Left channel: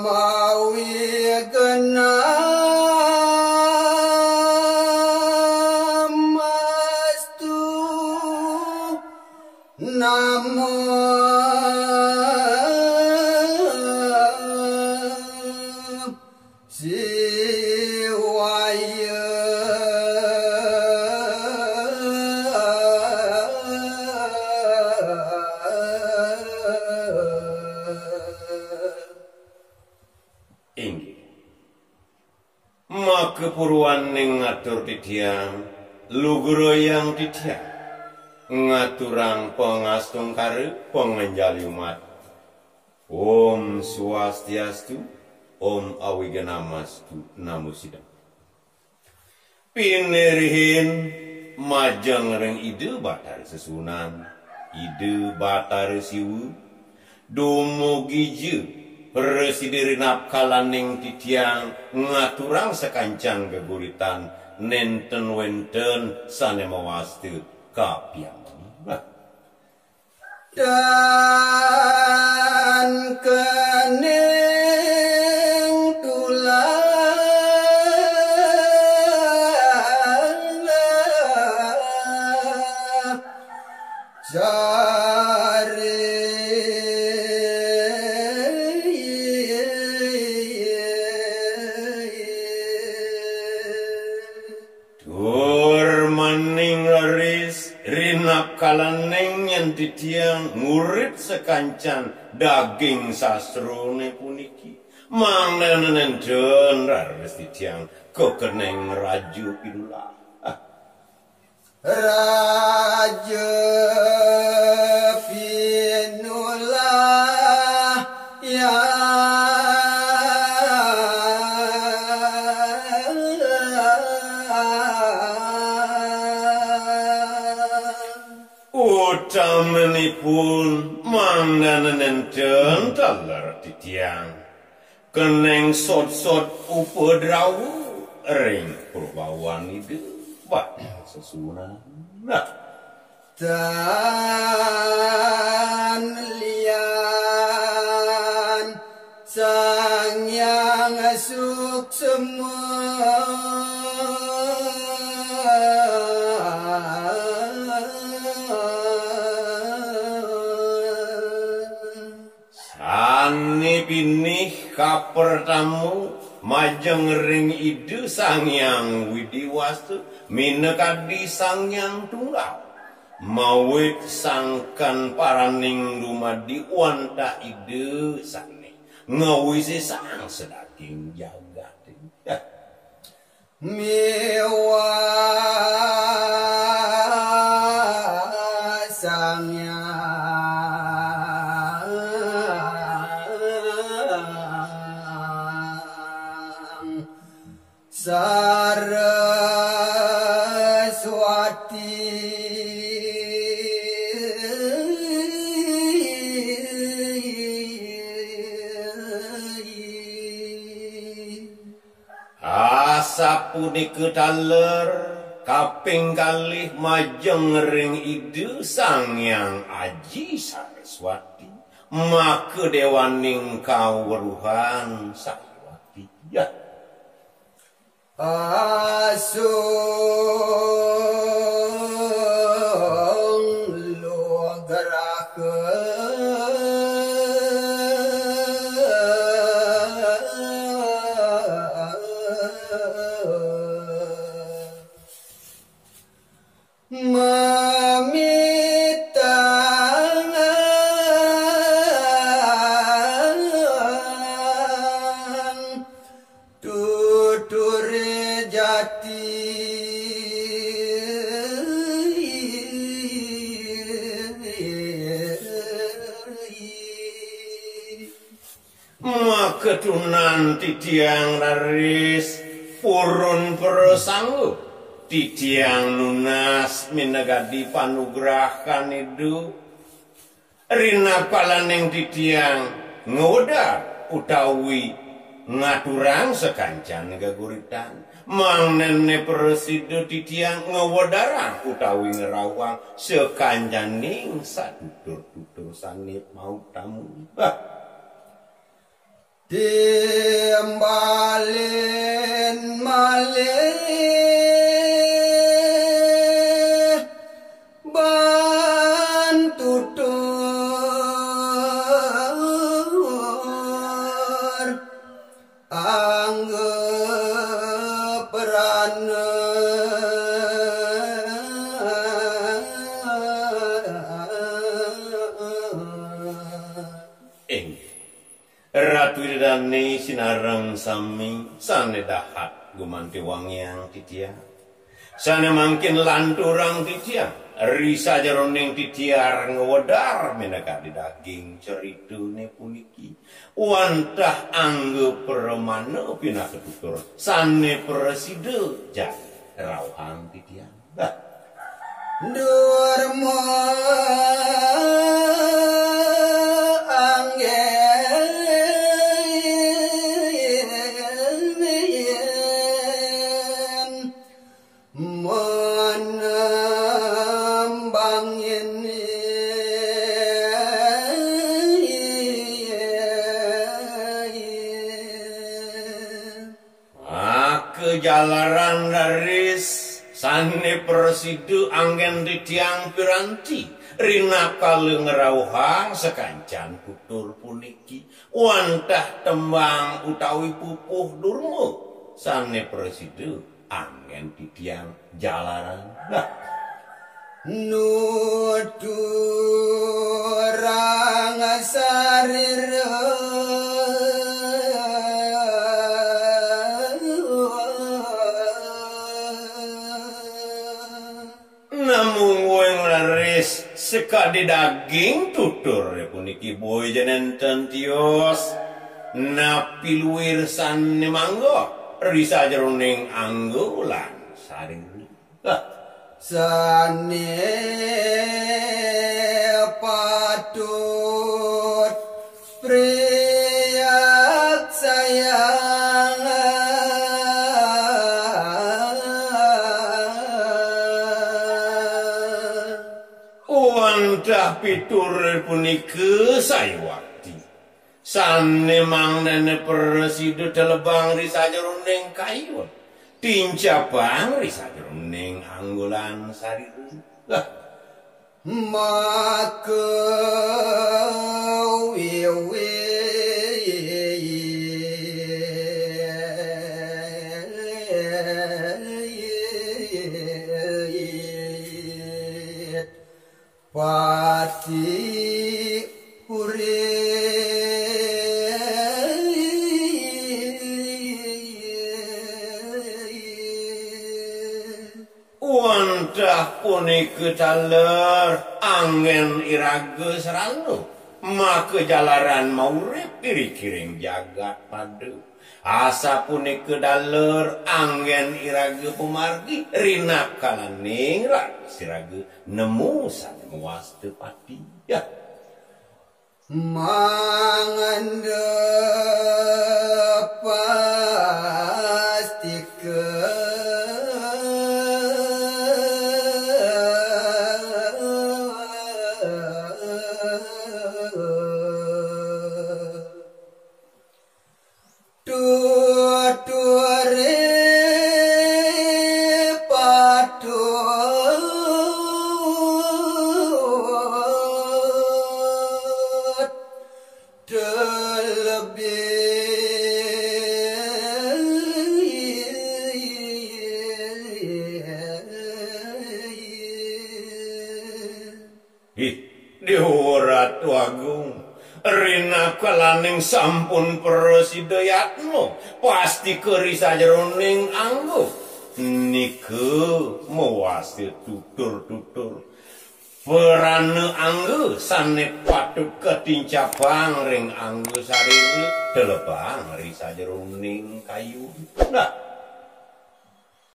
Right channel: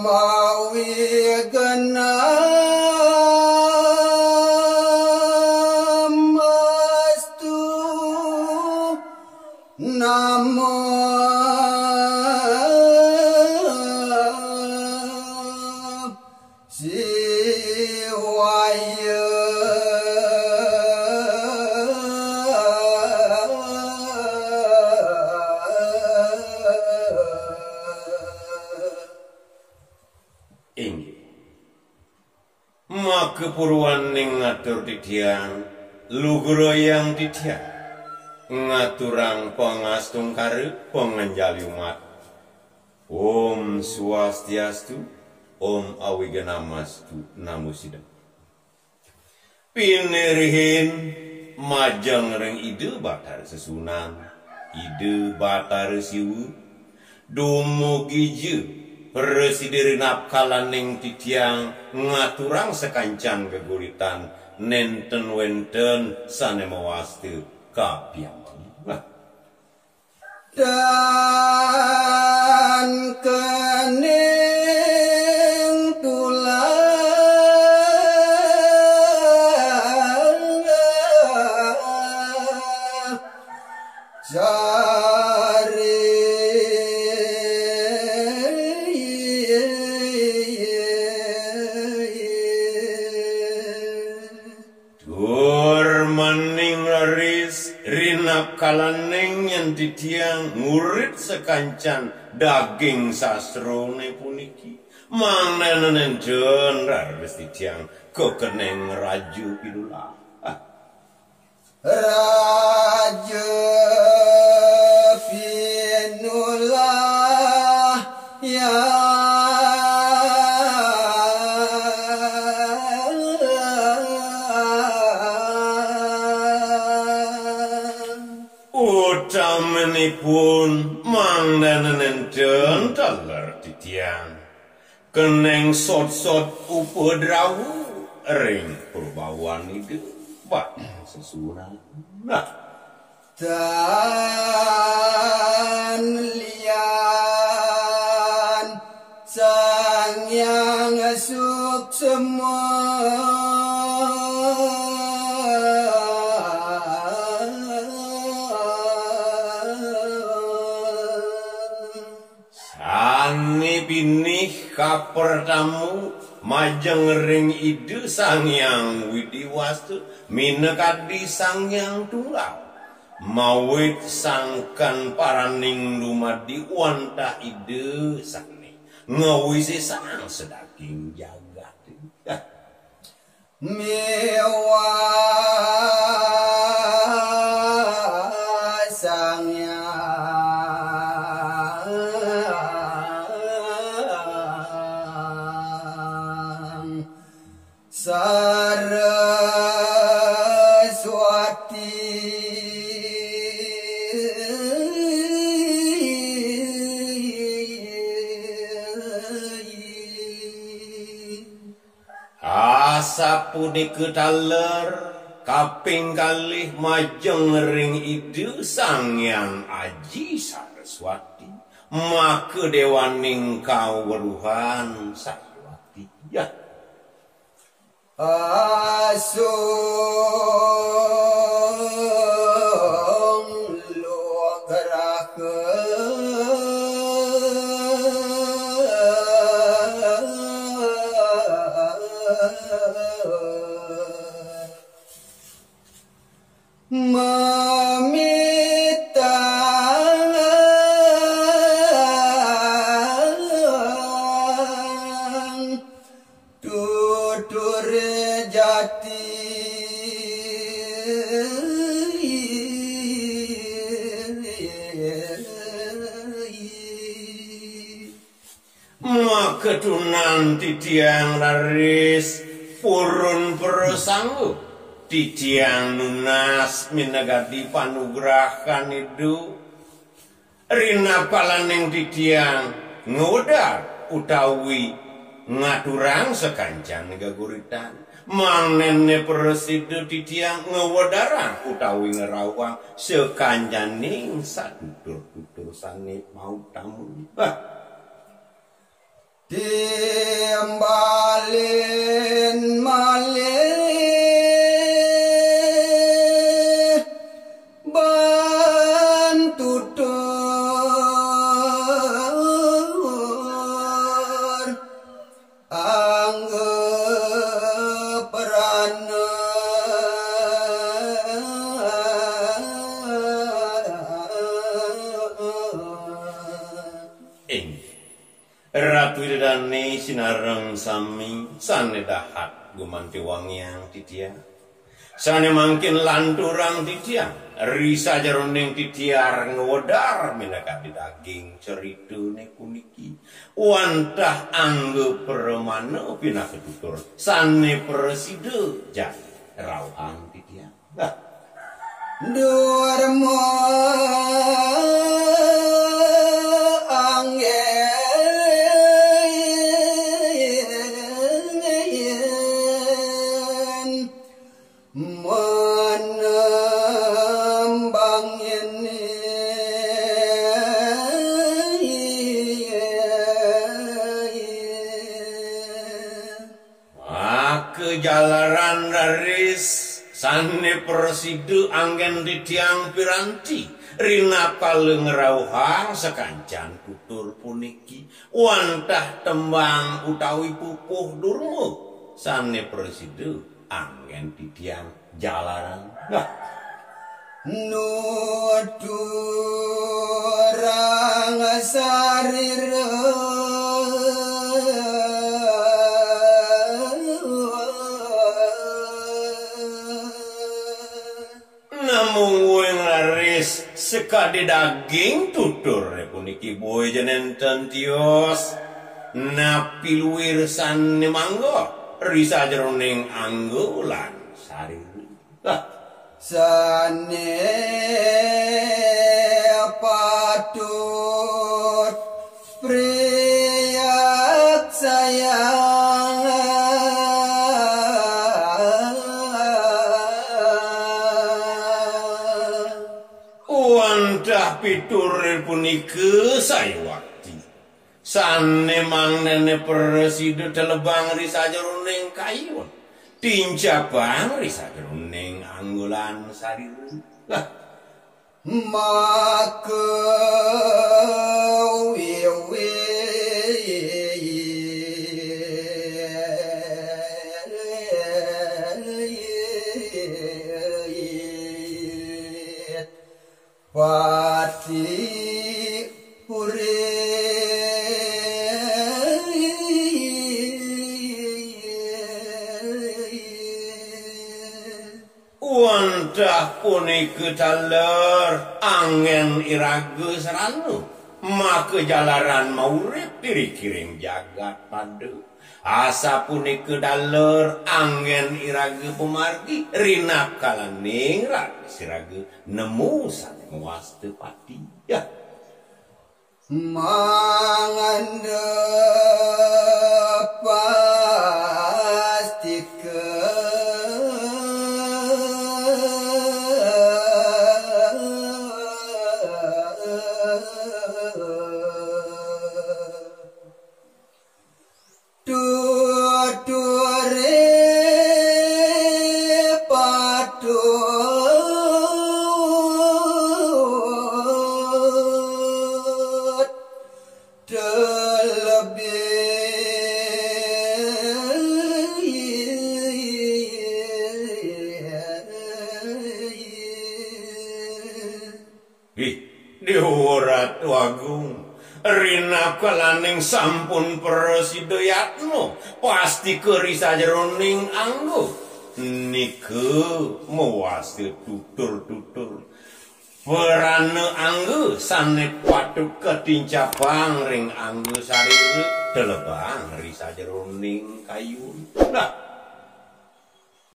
mawi genamastu namo siwaya Makepuruan ning ngatur titiang luguroyang titiang ngaturang pangastung kare panganjali umat. Om Swastiastu, Om Awiganamastu, Namo Sidam. Pinerihin majang reng ide batar sesunan, ide batar siwu, dumugi je Presiden napkalaning titiang ngaturang sekancan geguritan nenten wenten sane mawastu kapiambang. Dan kening tulang kalaneng yang titiang ngurit sekancan daging sastrone puniki manenen rares titiang kekeneng raju pidulah raja pinulah ya Ucamanipun mangdanen talar titiang keneng sot-sot upedrawu ring purbawan ide bat sesunan dan lian sang yang asuk semua binih kapertamu majeng ring ide sangyang widiwastu minekadi sangyang tunggal mawit sangkan paraning dumadi wanta ide sane ngawisi sang sedaging jagat mewah sangyang Saraswati asapunike taler kaping kalih majeng ring ide sangyang Aji Saraswati maka dewaning kawruhan Saraswati ya asung lo mamita tutur jati maketunan titiang laris purun persanggup titiang nunas minagadi panugrahan itu rina palaning titiang ngodar utawi ngaturang sekancan gaguritan mang nene presidu titiang ngewadarang utawi ngerawang sekancaning satutur-tutur sanit mau tamu Timbalin malih bantutur anggeprana Ratu Widadari sinareng sami sane dahat gumanti wangiang titiang sane mangkin lanturang titiang risa jeroning titiar ngewedar menakati daging ceritune puniki wantah angge permana pina ketutur sane preside jadi rawang titiang Durmo menembang ini kejalaran garis sane preside anggen titiang piranti rina kale ngerawuhang sekancan tutur puniki wantah tembang utawi pupuh durmo sane preside anggen titiang jalaran nuturang sarira namung weng laris sekade daging tutur puniki boy jenenten tios napi luwir sane manggo risa jeroning anggo lan sariri sane patut priyak sayang wantah pitur punika saywakti sane mangnene preside telebang risa jeroning kayun tincabang risa jeroning anggolan sariri maka wiwi pati wantah punika taler angin irage seranu maka jalaran maurip diri-kiring jagat padu asa punika daler angin irage pemargi rina kalaning rak sirage nemu sane muas tepati ya mangandep pastikeun Dihorat wagung rina kalaning sampun preside yatno pasti kerisa jeroning anggo nike mewasi tutur-tutur perane anggo sane patuk ketincabang ring anggo sariri telebang risa jeroning kayun nah